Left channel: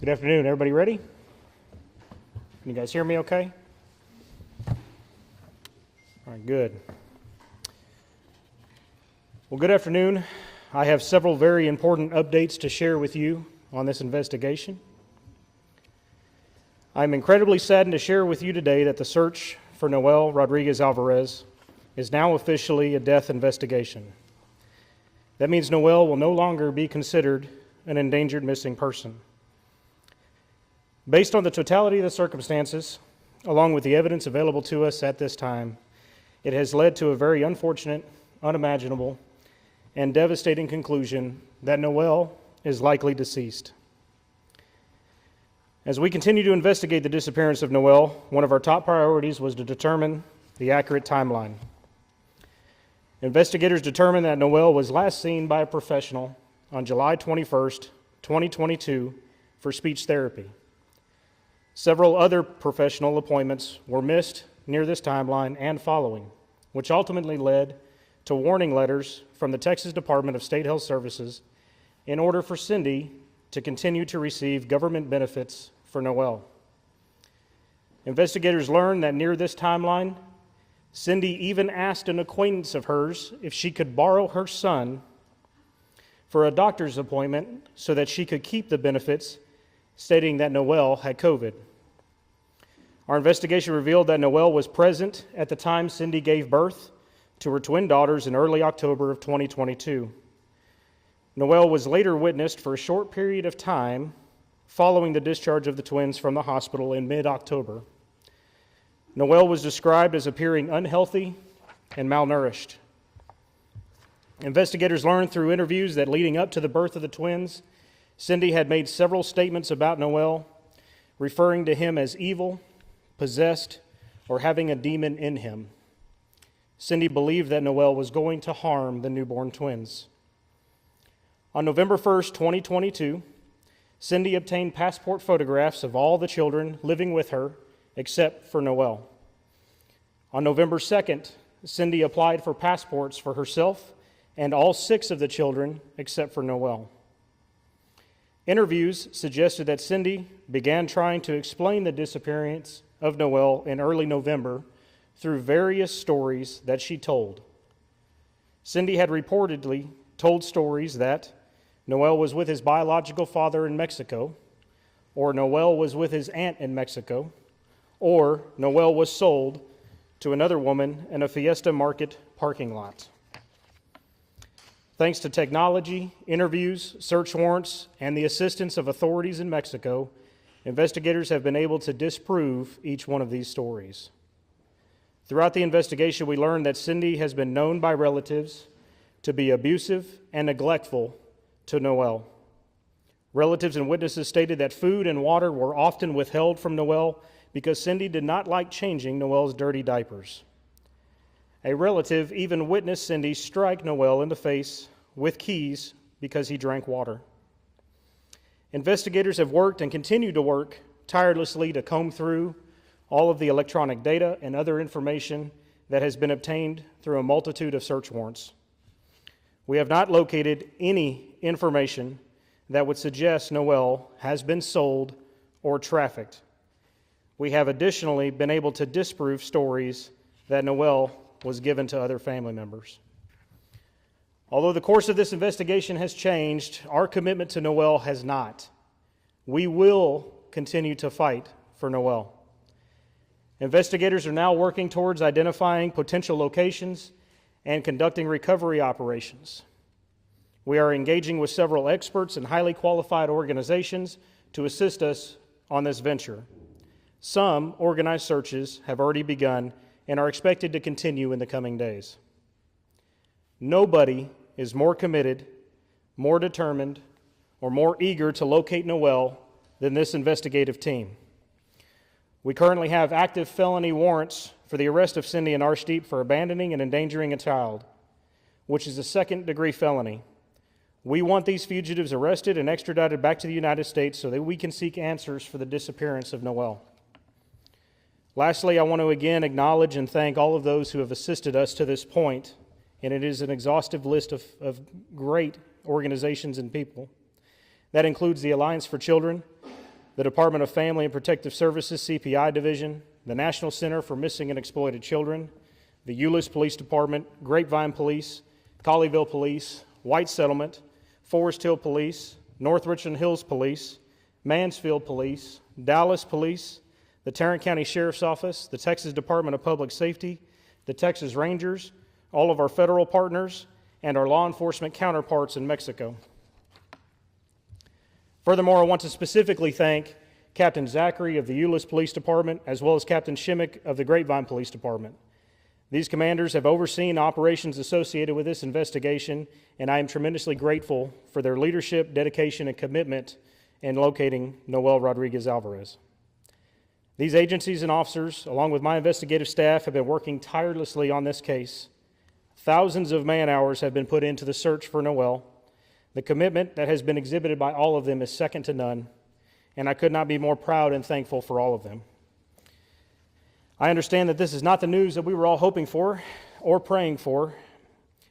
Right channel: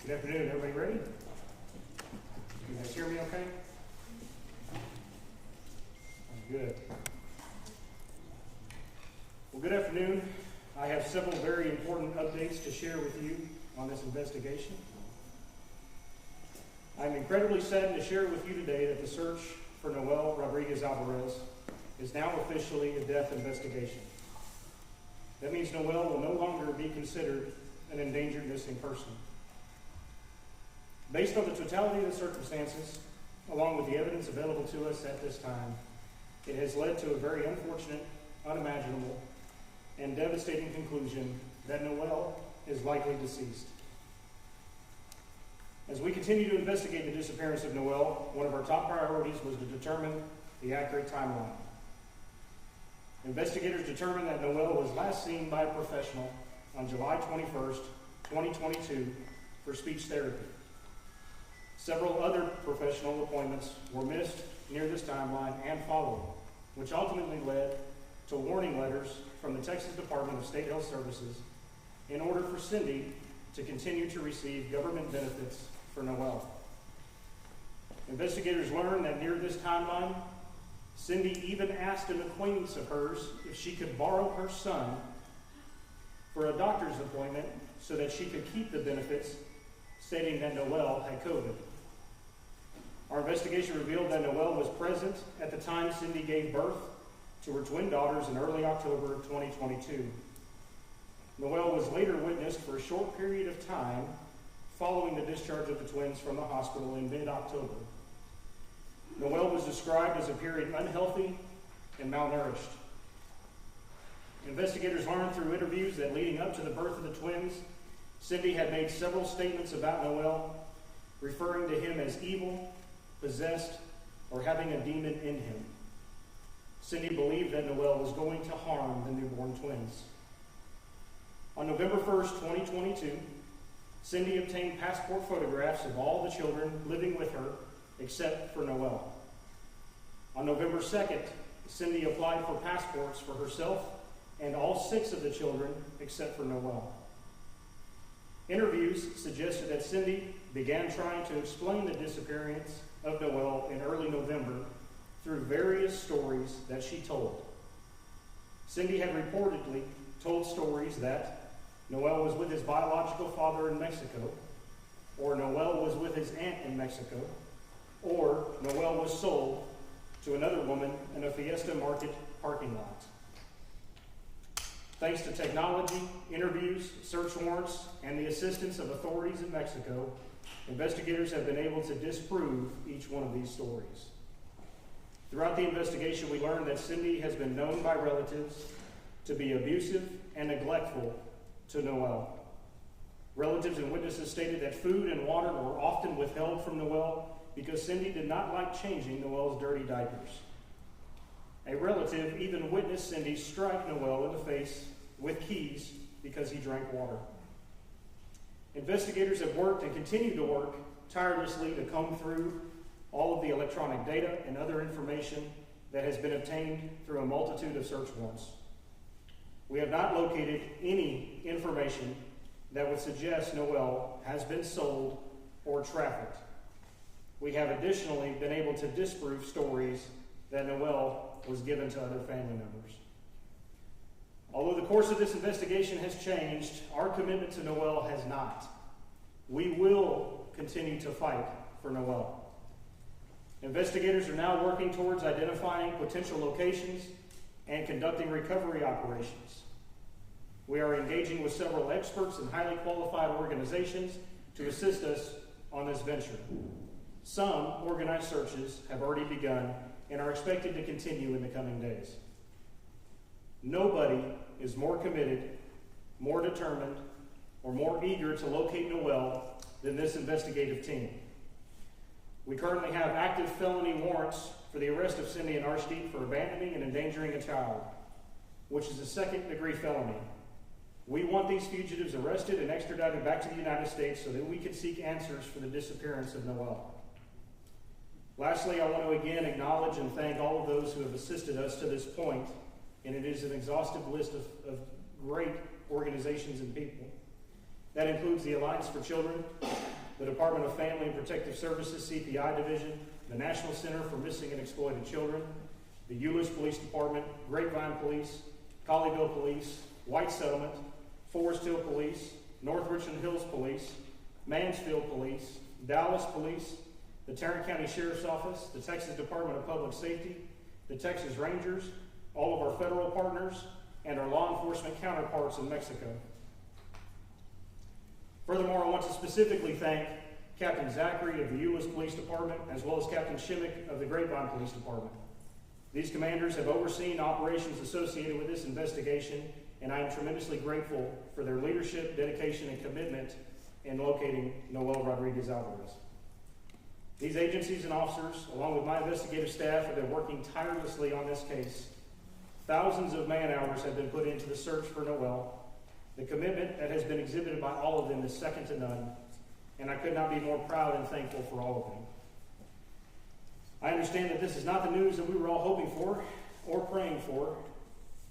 Good afternoon, everybody ready? Can you guys hear me okay? All right, good. Well, good afternoon. I have several very important updates to share with you on this investigation. I'm incredibly saddened to share with you today that the search for Noel Rodriguez-Alvarez is now officially a death investigation. That means Noel will no longer be considered an endangered missing person. Based on the totality of the circumstances, along with the evidence available to us at this time, it has led to a very unfortunate, unimaginable, and devastating conclusion that Noel is likely deceased. As we continue to investigate the disappearance of Noel, one of our top priorities was to determine the accurate timeline. Investigators determined that Noel was last seen by a professional on July 21st, 2022 for speech therapy. Several other professional appointments were missed near this timeline and following, which ultimately led to warning letters from the Texas Department of State Health Services in order for Cindy to continue to receive government benefits for Noel. Investigators learned that near this timeline, Cindy even asked an acquaintance of hers if she could borrow her son for a doctor's appointment so that she could keep the benefits, stating that Noel had COVID. Our investigation revealed that Noel was present at the time Cindy gave birth to her twin daughters in early October of 2022. Noel was later witnessed for a short period of time following the discharge of the twins from the hospital in mid-October. Noel was described as appearing unhealthy and malnourished. Investigators learned through interviews that leading up to the birth of the twins, Cindy had made several statements about Noel, referring to him as evil, possessed, or having a demon in him. Cindy believed that Noel was going to harm the newborn twins. On November 1st, 2022, Cindy obtained passport photographs of all the children living with her except for Noel. On November 2nd, Cindy applied for passports for herself and all 6 of the children except for Noel. Interviews suggested that Cindy began trying to explain the disappearance of Noel in early November through various stories that she told. Cindy had reportedly told stories that Noel was with his biological father in Mexico, or Noel was with his aunt in Mexico, or Noel was sold to another woman in a Fiesta Market parking lot. Thanks to technology, interviews, search warrants, and the assistance of authorities in Mexico, investigators have been able to disprove each one of these stories. Throughout the investigation, we learned that Cindy has been known by relatives to be abusive and neglectful to Noel. Relatives and witnesses stated that food and water were often withheld from Noel because Cindy did not like changing Noel's dirty diapers. A relative even witnessed Cindy strike Noel in the face with keys because he drank water. Investigators have worked and continue to work tirelessly to comb through all of the electronic data and other information that has been obtained through a multitude of search warrants. We have not located any information that would suggest Noel has been sold or trafficked. We have additionally been able to disprove stories that Noel was given to other family members. Although the course of this investigation has changed, our commitment to Noel has not. We will continue to fight for Noel. Investigators are now working towards identifying potential locations and conducting recovery operations. We are engaging with several experts and highly qualified organizations to assist us on this venture. Some organized searches have already begun and are expected to continue in the coming days. Nobody is more committed, more determined, or more eager to locate Noel than this investigative team. We currently have active felony warrants for the arrest of Cindy and Arshdeep for abandoning and endangering a child, which is a second-degree felony. We want these fugitives arrested and extradited back to the United States so that we can seek answers for the disappearance of Noel. Lastly, I want to again acknowledge and thank all of those who have assisted us to this point, and it is an exhaustive list of great organizations and people. That includes the Alliance for Children, the Department of Family and Protective Services CPI Division, the National Center for Missing and Exploited Children, the Euless Police Department, Grapevine Police, Colleyville Police, White Settlement, Forest Hill Police, North Richland Hills Police, Mansfield Police, Dallas Police, the Tarrant County Sheriff's Office, the Texas Department of Public Safety, the Texas Rangers, all of our federal partners, and our law enforcement counterparts in Mexico. Furthermore, I want to specifically thank Captain Zachary of the Euless Police Department, as well as Captain Shimmick of the Grapevine Police Department. These commanders have overseen operations associated with this investigation, and I am tremendously grateful for their leadership, dedication, and commitment in locating Noel Rodriguez-Alvarez. These agencies and officers, along with my investigative staff, have been working tirelessly on this case. Thousands of man-hours have been put into the search for Noel. The commitment that has been exhibited by all of them is second to none, and I could not be more proud and thankful for all of them. I understand that this is not the news that we were all hoping for or praying for,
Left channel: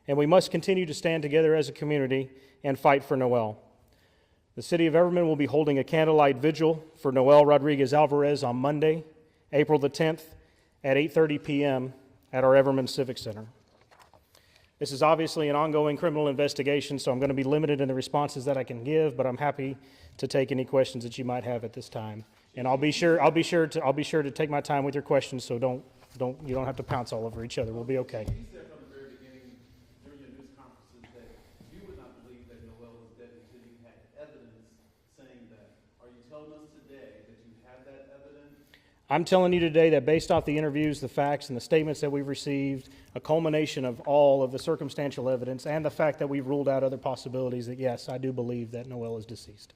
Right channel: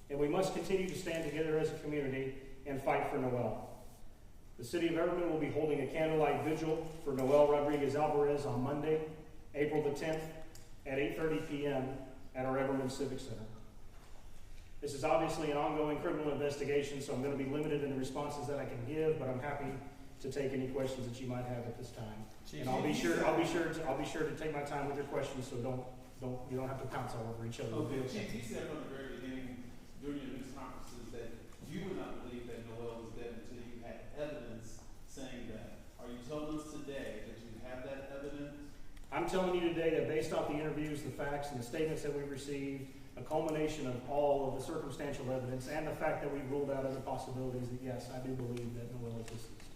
and we must continue to stand together as a community and fight for Noel. The city of Everman will be holding a candlelight vigil for Noel Rodriguez-Alvarez on Monday, April the 10th at 8:30 p.m. at our Everman Civic Center. This is obviously an ongoing criminal investigation, so I'm going to be limited in the responses that I can give, but I'm happy to take any questions that you might have at this time. And I'll be sure to take my time with your questions, so you don't have to pounce all over each other. We'll be okay. You said from the very beginning during your news conferences that you would not believe that Noel was dead until you had evidence saying that. Are you telling us today that you have that evidence? I'm telling you today that based off the interviews, the facts, and the statements that we've received, a culmination of all of the circumstantial evidence and the fact that we've ruled out other possibilities, that yes, I do believe that Noel is deceased.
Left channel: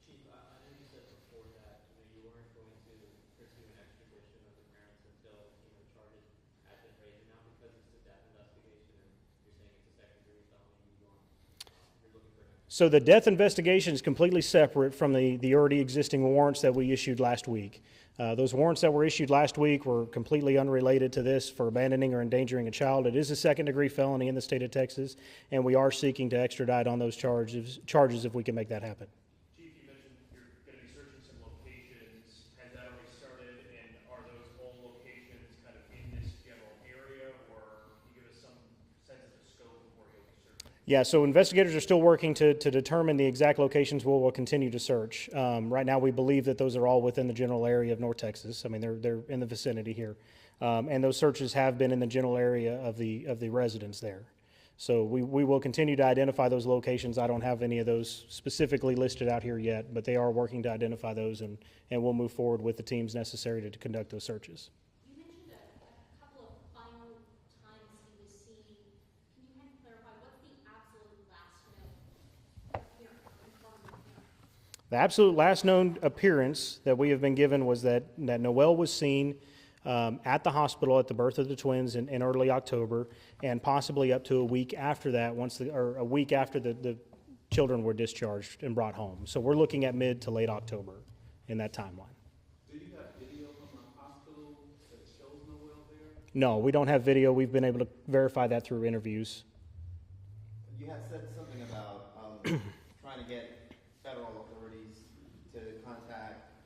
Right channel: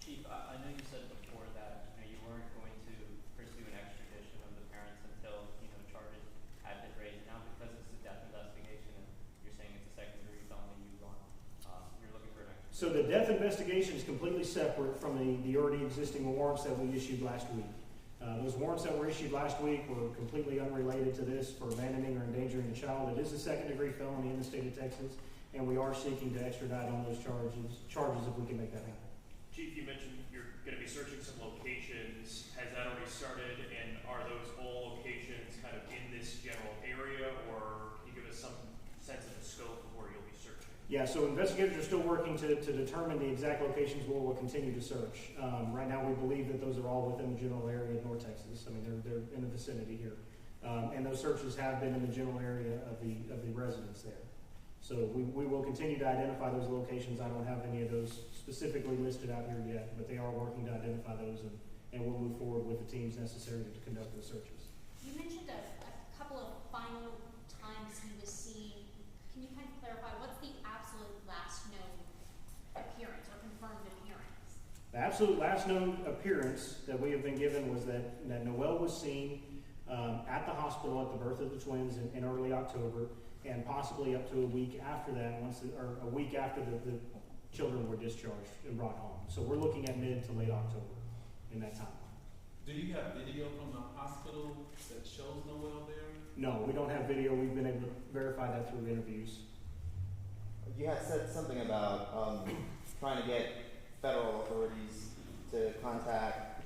Chief, I know you said before that you weren't going to pursue an extradition of the parents until charges had been raised. Now, because it's a death investigation and you're saying it's a second-degree felony, you're looking for an extradition. So the death investigation is completely separate from the already existing warrants that we issued last week. Those warrants that were issued last week were completely unrelated to this for abandoning or endangering a child. It is a second-degree felony in the state of Texas, and we are seeking to extradite on those charges if we can make that happen. Chief, you mentioned you're going to be searching some locations. Has that already started, and are those all locations kind of in this general area, or can you give us some sense of the scope of where you'll be searching? Yeah, so investigators are still working to determine the exact locations where we'll continue to search. Right now, we believe that those are all within the general area of North Texas. I mean, they're in the vicinity here, and those searches have been in the general area of the residents there. So we will continue to identify those locations. I don't have any of those specifically listed out here yet, but they are working to identify those, and we'll move forward with the teams necessary to conduct those searches. You mentioned a couple of final times he was seen. Can you kind of clarify what's the absolute last known appearance or confirmed appearance? The absolute last known appearance that we have been given was that Noel was seen at the hospital at the birth of the twins in early October, and possibly up to a week after that, or a week after the children were discharged and brought home. So we're looking at mid to late October in that timeline. Do you have video from the hospital that shows Noel there? No, we don't have video. We've been able to verify that through interviews. You had said something about trying to get federal authorities to contact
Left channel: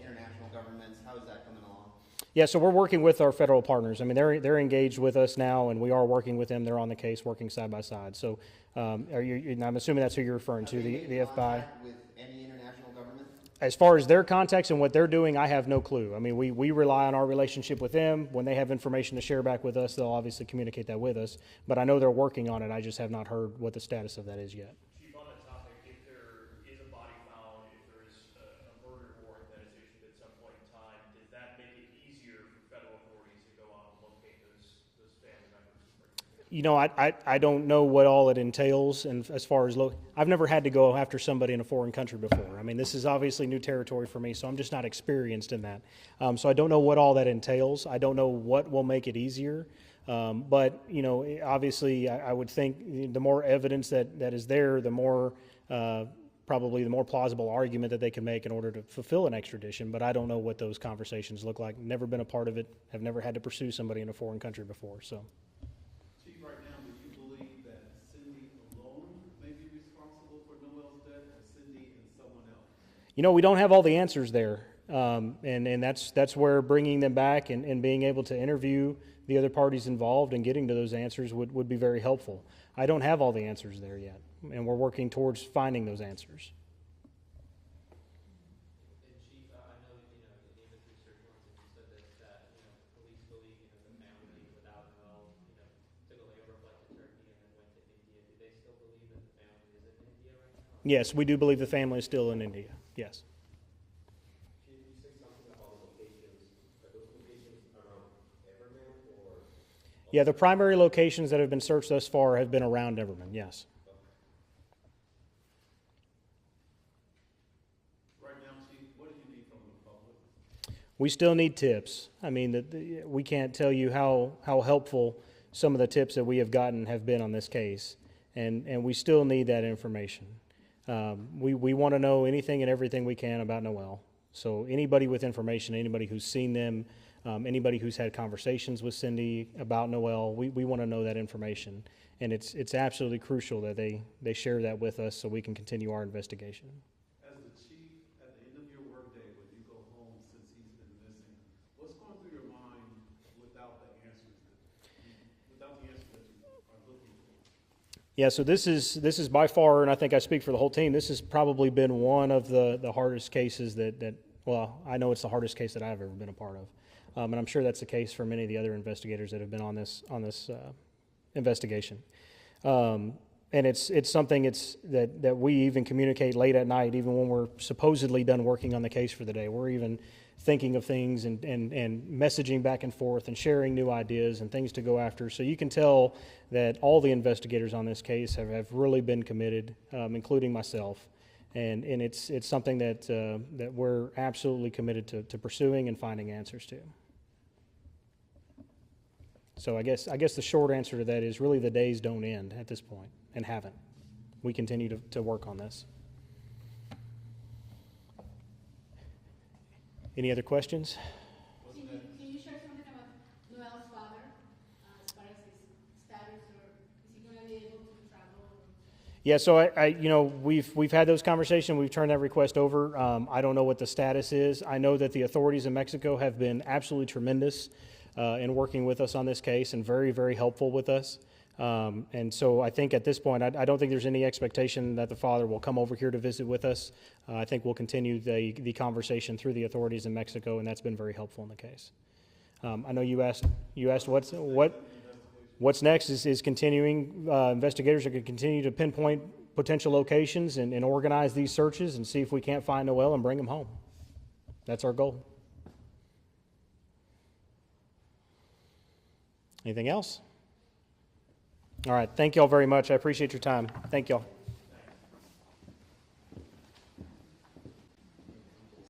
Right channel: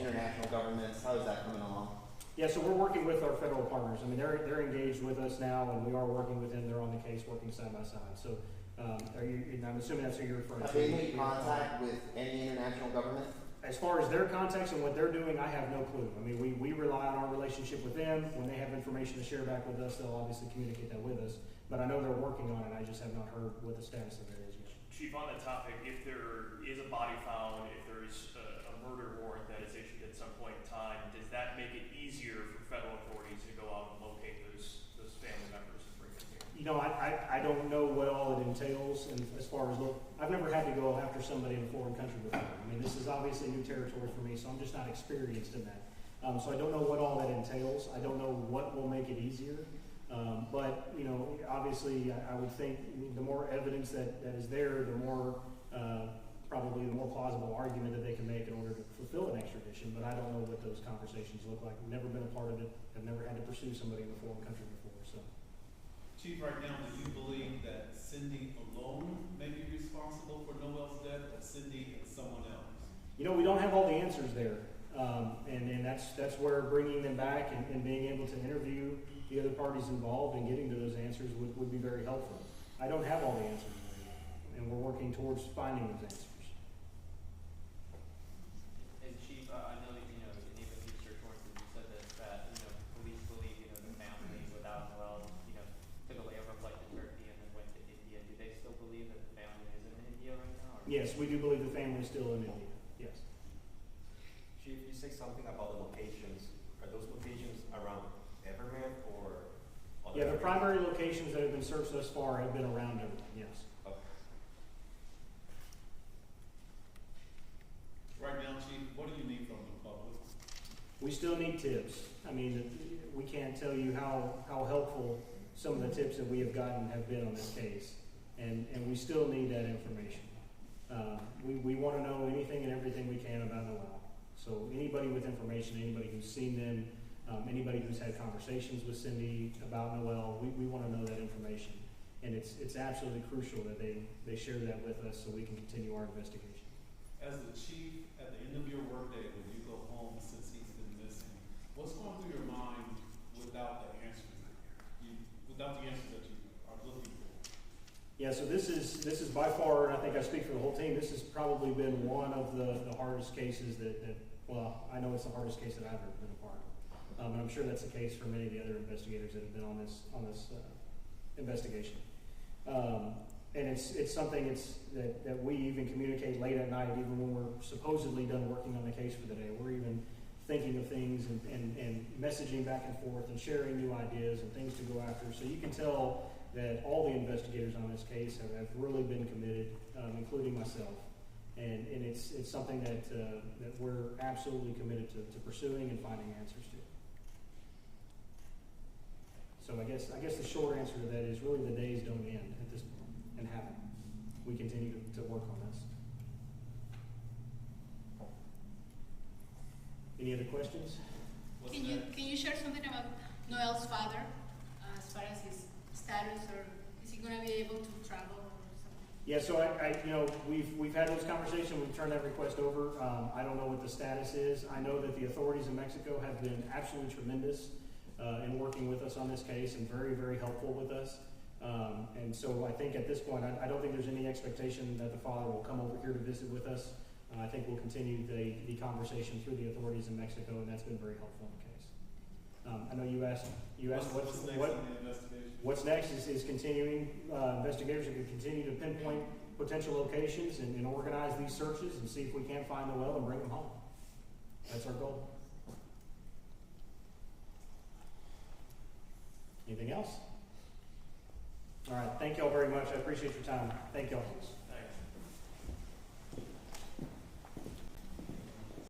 international governments. How is that coming along? Yeah, so we're working with our federal partners. I mean, they're engaged with us now, and we are working with them. They're on the case, working side by side. So, I'm assuming that's who you're referring to. Are they in the contact with any international government? As far as their contacts and what they're doing, I have no clue. I mean, we rely on our relationship with them. When they have information to share back with us, they'll obviously communicate that with us. But I know they're working on it. I just have not heard what the status of that is yet. Chief, on that topic, if there is a body found, if there is a murder warrant that is issued at some point in time, does that make it easier for federal authorities to go out and locate those family members and bring them here? You know, I don't know what all it entails, and as far as I've never had to go after somebody in a foreign country before. I mean, this is obviously new territory for me, so I'm just not experienced in that. So I don't know what all that entails. I don't know what will make it easier. But obviously, I would think the more evidence that is there, the more probably the more plausible argument that they can make in order to fulfill an extradition. But I don't know what those conversations look like. Never been a part of it. Have never had to pursue somebody in a foreign country before. So. Chief, right now, do you believe that Cindy alone may be responsible for Noel's death, or Cindy and someone else? You know, we don't have all the answers there, and that's where bringing them back and being able to interview the other parties involved and getting to those answers would be very helpful. I don't have all the answers there yet, and we're working towards finding those answers. And Chief, I know in even these search warrants that you said this, that police believe the family without Noel took a layover flight to Turkey and then went to India. Do they still believe that the family is in India right now? Yes, we do believe the family is still in India. Yes. Chief, you say something about the locations. Are those locations around Everman or? Yeah, the primary locations that have been searched thus far have been around Everman, yes. Okay. Right now, Chief, what do you need from the public? We still need tips. I mean, we can't tell you how helpful some of the tips that we have gotten have been on this case, and we still need that information. We want to know anything and everything we can about Noel. So anybody with information, anybody who's seen them, anybody who's had conversations with Cindy about Noel, we want to know that information. And it's absolutely crucial that they share that with us so we can continue our investigation. As the chief, at the end of your workday, when you go home, since he's been missing, what's going through your mind without the answers that you are looking for? Yeah, so this is by far, and I think I speak for the whole team, this has probably been one of the hardest cases that well, I know it's the hardest case that I've ever been a part of. And I'm sure that's the case for many of the other investigators that have been on this investigation. And it's something that we even communicate late at night, even when we're supposedly done working on the case for the day. We're even thinking of things and messaging back and forth and sharing new ideas and things to go after. So you can tell that all the investigators on this case have really been committed, including myself. And it's something that we're absolutely committed to pursuing and finding answers to. So I guess the short answer to that is really the days don't end at this point, and haven't. We continue to work on this. Any other questions? What's Can you share something about Noel's father, as far as his status, or is he going to be able to travel or something? Yeah, so we've had those conversations. We've turned that request over. I don't know what the status is. I know that the authorities in Mexico have been absolutely tremendous in working with us on this case and very, very helpful with us. And so I think at this point, I don't think there's any expectation that the father will come over here to visit with us. I think we'll continue the conversation through the authorities in Mexico, and that's been very helpful in the case. I know you asked what's next is continuing. Investigators are going to continue to pinpoint potential locations and organize these searches and see if we can't find Noel and bring him home. That's our goal. Anything else? All right. Thank you all very much. I appreciate your time. Thank you all.